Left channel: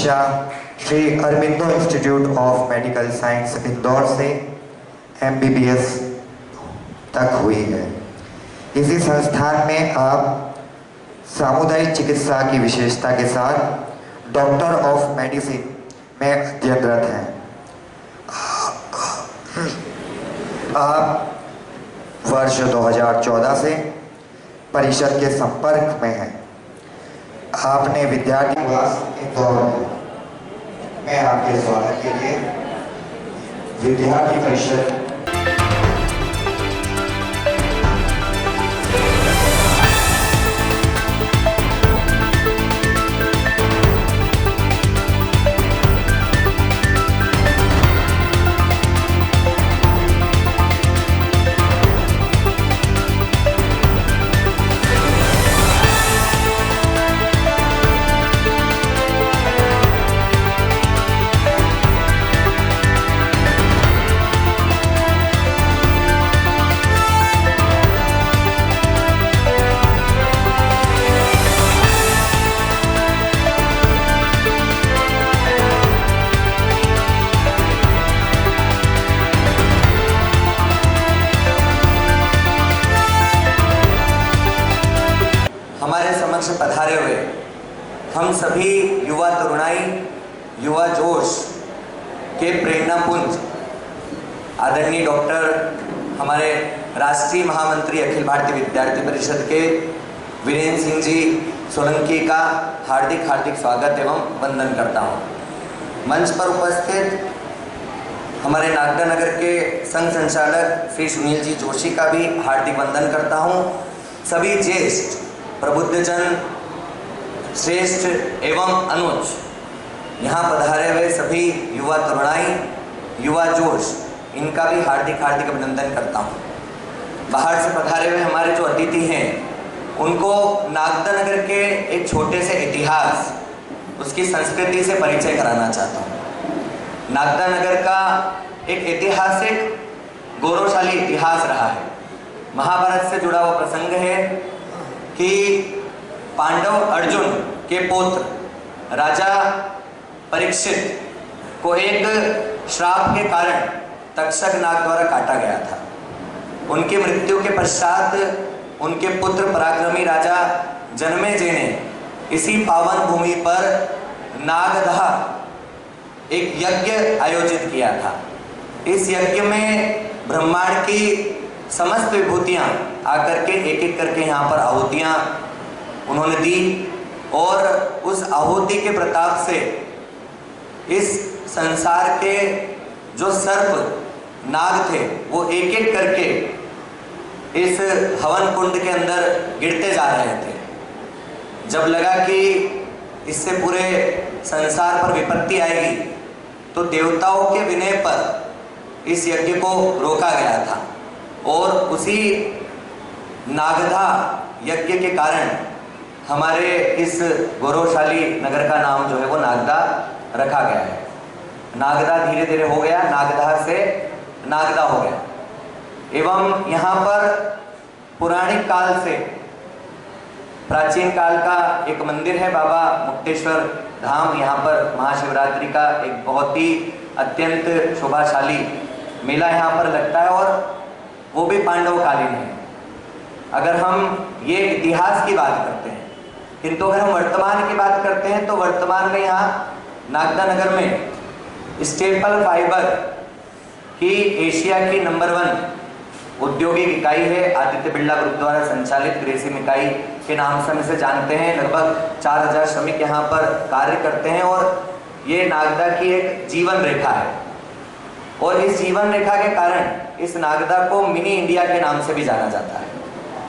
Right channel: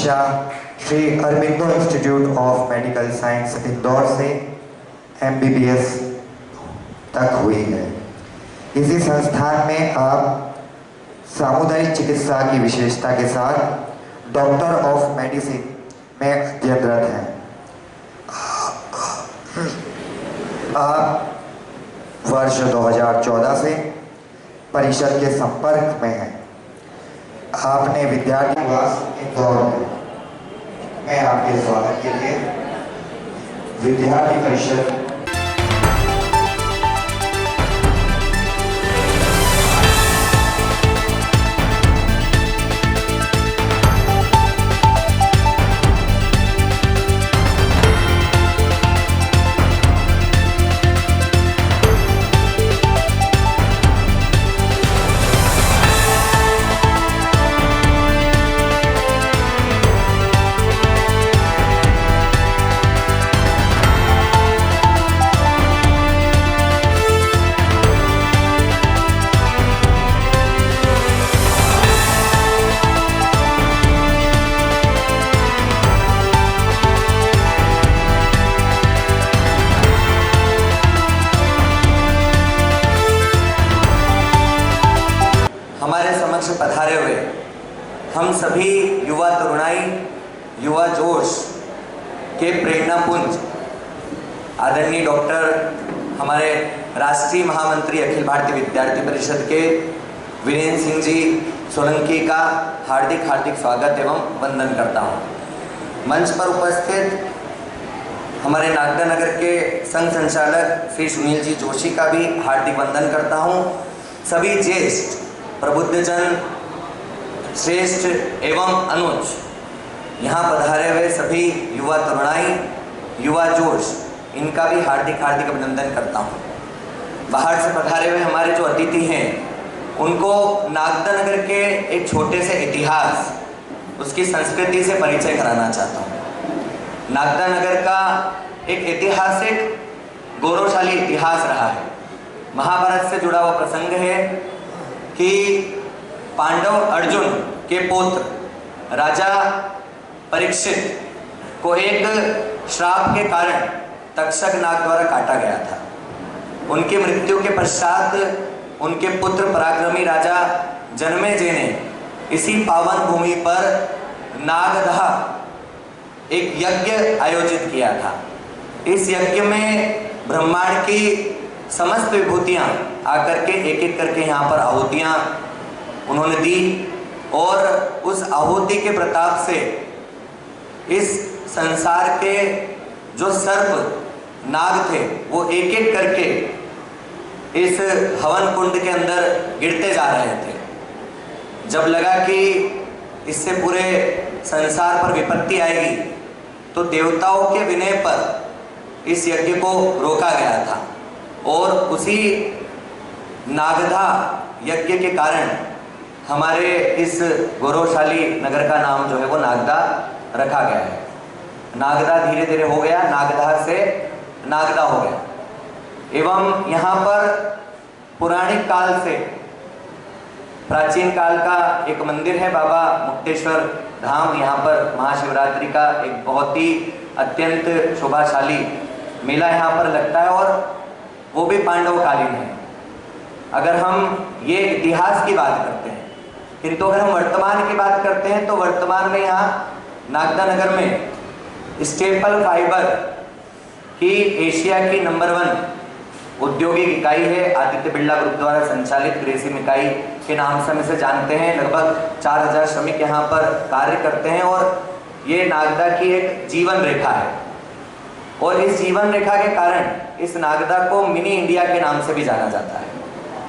शिक्षा Shri Aurobindo institute of medical science Indore से MBBS तक हुई है। इसी संस्थान में आप सामुदायिक चिकित्सा की विशेषता के साथ डॉक्टर ऑफ मेडिसिन में अध्ययनरत हैं। आप वर्ष 2014 से परिषद के संपर्क में हैं। आपने विद्यार्थी निवास इंदौर में आपके स्वागत के लिए विद्यार्थी परिषद हमारे समक्ष पधारे हुए हम सभी युवा तरुणाई, युवा जोश के प्रेरणा पुंज आदरणीय डॉक्टर हमारे राष्ट्रीय महामंत्री अखिल भारतीय विद्यार्थी परिषद के वीरेंद्र सिंह जी सोलंकी का हार्दिक हार्दिक स्वागत एवं वंदन करता हूँ। मंच पर उपस्थित हमारे नागदा नगर के संघ संचालक श्री सुनील जी जोशी का भी हार्दिक वंदन करता हूँ। सभी ज्येष्ठ प्रबुद्धजन, श्रेष्ठ एवं अनुज यहाँ पधारे हुए सभी युवा तरुणाई, युवा जोश, इनका भी हार्दिक हार्दिक अभिनंदन करता हूँ। बाहर से पधारे हुए हमारे जो अतिथि हैं उनको नागदा नगर के एक छोटे से इतिहास, उसकी संस्कृति से परिचय कराना चाहता हूँ। नागदा नगर का एक ऐतिहासिक गौरवशाली इतिहास रहा है। महाभारत से जुड़ा हुआ प्रसंग है कि पांडव अर्जुन के पुत्र राजा परीक्षित को एक श्राप के कारण तक्षक नाग द्वारा काटा गया था। उनकी मृत्यु के पश्चात उनके पुत्र पराक्रमी राजा जन्मेजय ने इसी पावन भूमि पर नागदह एक यज्ञ आयोजित किया था। इस यज्ञ में ब्रह्मांड की समस्त विभूतियाँ आकर के एक एक करके यहाँ पर आहुतियाँ उन्होंने दी और उस आहुति के प्रताप से इस संसार के जो सर्प नाग थे वो एक एक करके इस हवन कुंड के अंदर गिरते जा रहे थे। जब लगा कि इससे पूरे संसार पर विपत्ति आएगी तो देवताओं के विनय पर इस यज्ञ को रोका गया था और उसी नागदा यज्ञ के कारण हमारे इस गौरवशाली नगर का नाम जो है वो नागदा रखा गया है। नागदा धीरे धीरे हो गया, नागदा से नागदा हो गया। एवं यहाँ पर पुराणिक काल से, प्राचीन काल का एक मंदिर है बाबा मुक्तेश्वर धाम। यहाँ पर महाशिवरात्रि का एक बहुत ही अत्यंत शोभाशाली मेला यहाँ पर लगता है और वो भी पांडवकालीन है। अगर हम ये इतिहास की बात करते हैं, किंतु अगर हम वर्तमान की बात करते हैं तो वर्तमान में यहाँ नागदा नगर में स्टेपल फाइबर की एशिया की नंबर 1 औद्योगिक इकाई है। आदित्य बिरला ग्रुप द्वारा संचालित ग्रेसिम इकाई के नाम से हम इसे जानते हैं। लगभग 4000 श्रमिक यहाँ पर कार्य करते हैं और ये नागदा की एक जीवन रेखा है और इस जीवन रेखा के कारण इस नागदा को मिनी इंडिया के नाम से भी जाना जाता है।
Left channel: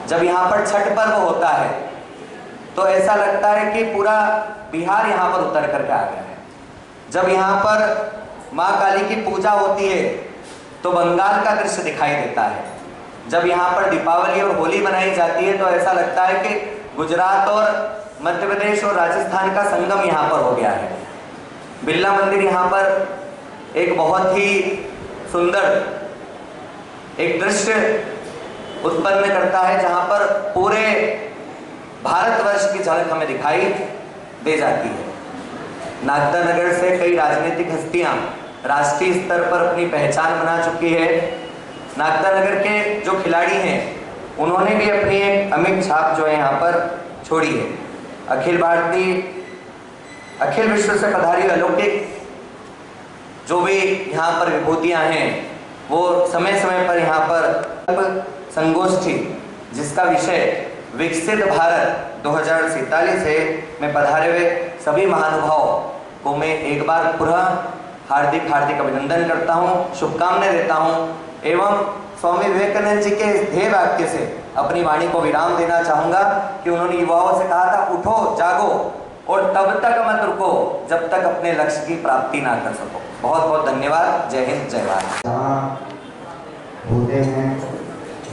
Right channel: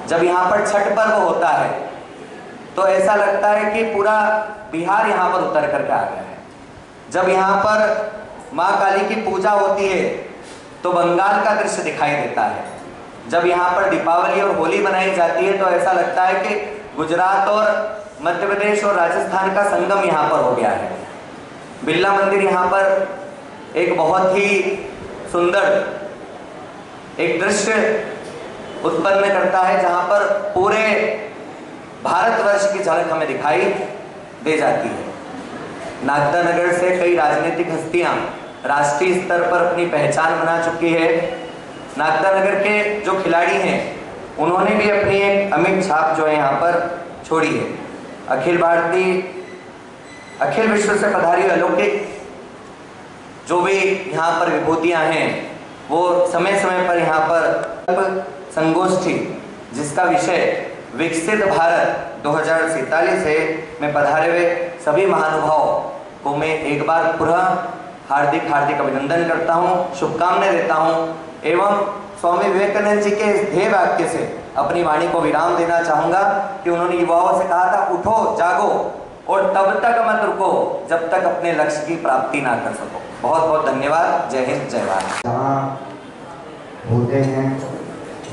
जब यहाँ पर छठ पर्व होता है तो ऐसा लगता है कि पूरा बिहार यहाँ पर उतर करके आ गया है। जब यहाँ पर माँ काली की पूजा होती है तो बंगाल का दृश्य दिखाई देता है। जब यहाँ पर दीपावली और होली मनाई जाती है तो ऐसा लगता है कि गुजरात और मध्य प्रदेश और राजस्थान का संगम यहाँ पर हो गया है। बिरला मंदिर यहाँ पर एक बहुत ही सुंदर एक दृश्य उत्पन्न करता है जहाँ पर पूरे भारतवर्ष की झलक हमें दिखाई दे जाती है। नागदा नगर से कई राजनीतिक हस्तियां राष्ट्रीय स्तर पर अपनी पहचान बना चुकी है। नागदा नगर के जो खिलाड़ी हैं उन्होंने भी अपनी एक अमिट छाप जो है यहाँ पर छोड़ी है। अखिल विश्व से पधारी अलौकिक जो भी यहाँ पर विभूतियाँ हैं वो समय समय पर यहाँ पर संगोष्ठी जिसका विषय विकसित भारत 2047 है में पधारे हुए सभी महानुभावों को मैं एक बार पुनः हार्दिक अभिनंदन करता हूँ, शुभकामनाएं देता हूँ एवं स्वामी विवेकानंद जी के इस ध्येय वाक्य से अपनी वाणी को विराम देना चाहूँगा कि उन्होंने युवाओं से कहा था, उठो जागो और तब तक मत रुको जब तक अपने लक्ष्य की प्राप्ति ना कर सको। बहुत बहुत धन्यवाद। जय हिंद, जय भारत। जहाँ होते हैं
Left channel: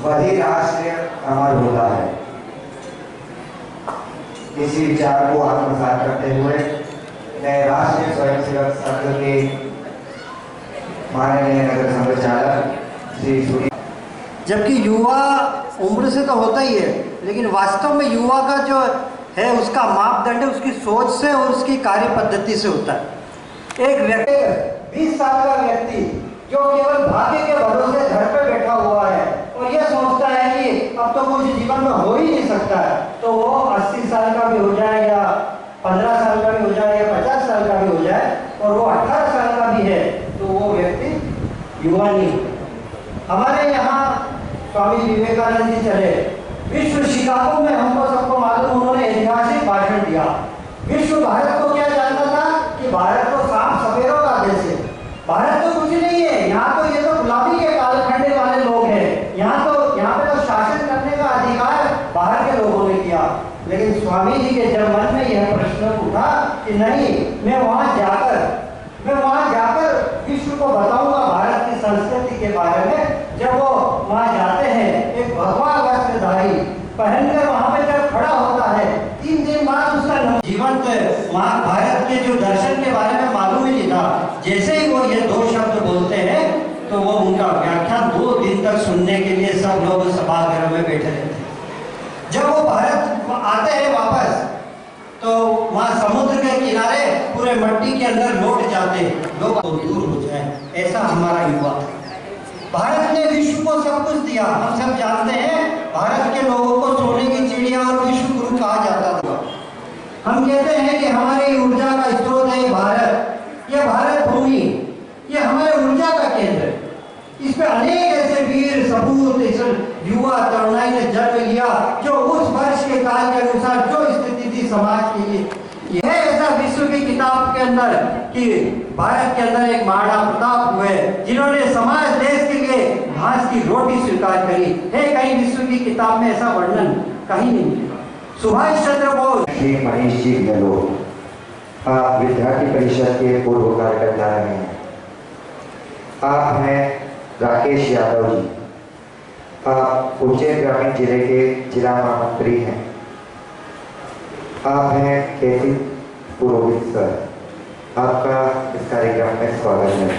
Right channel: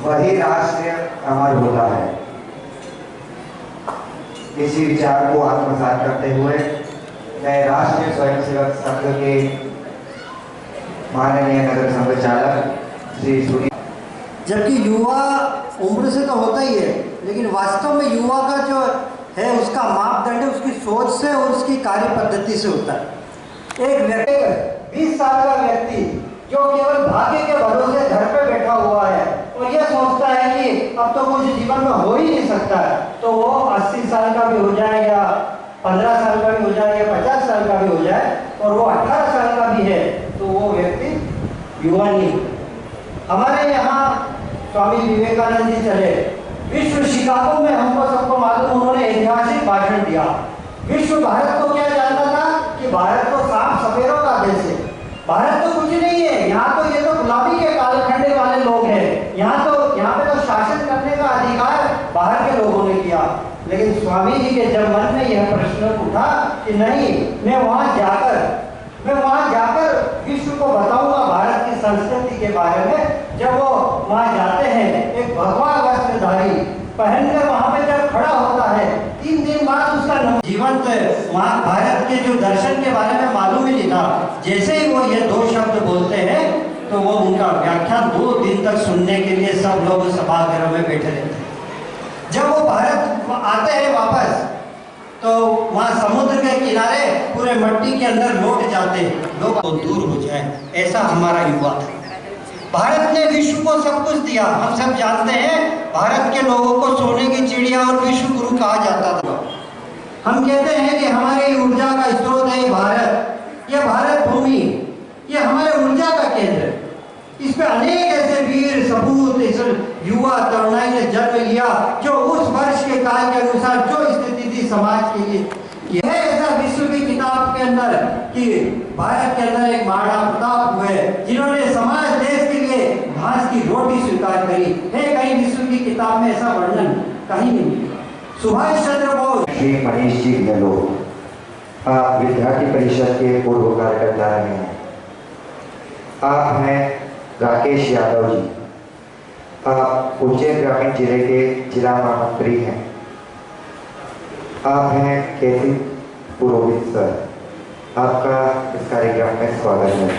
वही राष्ट्र अमर होता है। इसी विचार को आत्मसात करते हुए मैं राष्ट्रीय स्वयंसेवक संघ के माननीय नगर संचालक श्री सूर्य, जबकि युवा उम्र से तो होता ही है, लेकिन वास्तव में युवा का जो है उसका मापदंड उसकी सोच से और उसकी कार्य पद्धति से होता है। एक व्यक्ति 20 साल का व्यक्ति जो केवल भाग्य के भरोसे घर पे बैठा हुआ है और यह सोचता है कि अब तो कुछ जीवन में हो ही नहीं सकता है, तो वो 80 साल का भी हो जाए या 15 साल का भी हो जाए या 50 साल का भी हो जाए और वो 18 साल का भी है तो वो व्यक्ति युवा नहीं। हमारे यहाँ स्वामी विवेकानंद जी चले, विश्व शिकागो में हमको सबको मालूम उन्होंने ऐतिहासिक भाषण दिया। विश्व भारत को क्या जानता था कि भारत तो सांप सपेरों का देश है, भारत तो कुछ नहीं है, यहाँ तो ये तो गुलामी के कालखंडे वाले लोग हैं, यहाँ पे तो शासन करने का अधिकार बाहर के लोगों ने किया। लेकिन स्वामी जी के जब मन में यह प्रश्न उठा कि नहीं, मैं वहाँ जाकर विश्व को बताऊंगा भारत की संस्कृति के बारे में। जब वो वहाँ जाते हैं, एक भगवा वस्त्रधारी पहनकर वहाँ पे जब खड़ा होता है, 3 दिन बाद उसका जीवंत वहाँ भारत के जो दर्शन के बारे में मालूम ही नहीं था। जैसे ही वो ये 2 शब्द बोलते हैं तो वो उनका व्याख्यान 2 दिन तक सुनने के लिए सब लोग सभागृह में बैठे रहते हैं। जब वो भारत आते हैं वापस तो वहाँ समुद्र के किनारे पूरे मट्टी के अंदर लौट जाते हैं, लोग तो दूर हो जाए। ऐसा हमारा युवा था। भारत ने विश्व को सब कुछ दिया। हम सब जानते हैं भारत के लोगों को सोने की चिड़िया और विश्व गुरु कहा जाता था। हम कहते हैं कि हमारी ऊर्जा का स्रोत है भारत, यह भारत भूमि, यह हमारे ऊर्जा का केंद्र है। इस पे अनेक ऐसे वीर सपूत इस युवा तरुणाई ने जन्म लिया जो उस वर्ष के काल के अनुसार जो स्थिति थी समाज के लिए, यह ऐसा विश्व की किताब के अंदर कि भारत के अंदर एक महाराणा प्रताप हुए जिन्होंने समाज देश के लिए घास की रोटी स्वीकार करी है। कहीं विश्व की किताब में ऐसा वर्णन कहीं नहीं मिला। सुभाष चंद्र बोस, श्री मनीष जी गहलोत, आप विद्यार्थी परिषद के पूर्व कार्यकर्ता रहे हैं। आप हैं राकेश यादव जी, आप उज्जैन ग्रामीण जिले के जिला महामंत्री हैं। आप हैं केसी पुरोहित सर, आपका इस कार्यक्रम में स्वागत है।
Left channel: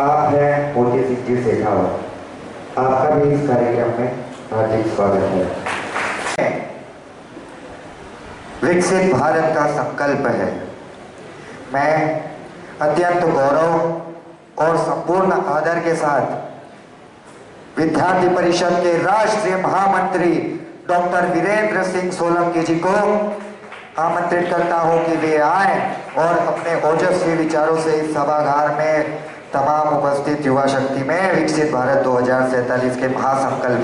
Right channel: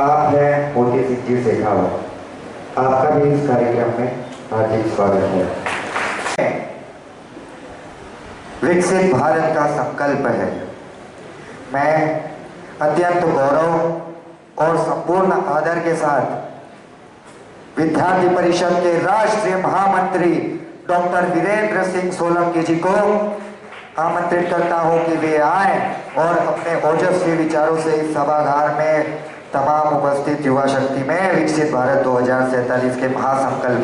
आप हैं मोती सिंह जी शेखावत, आपका भी इस कार्यक्रम में हार्दिक स्वागत है। विकसित भारत का संकल्प है। मैं अत्यंत गौरव और संपूर्ण आदर के साथ विद्यार्थी परिषद के राष्ट्रीय महामंत्री डॉक्टर वीरेंद्र सिंह सोलंकी जी को आमंत्रित करता हूं कि वे आए और अपने ओजस्वी विचारों से इस सभागार में तमाम उपस्थित युवा शक्ति में विकसित भारत 2047 के महासंकल्प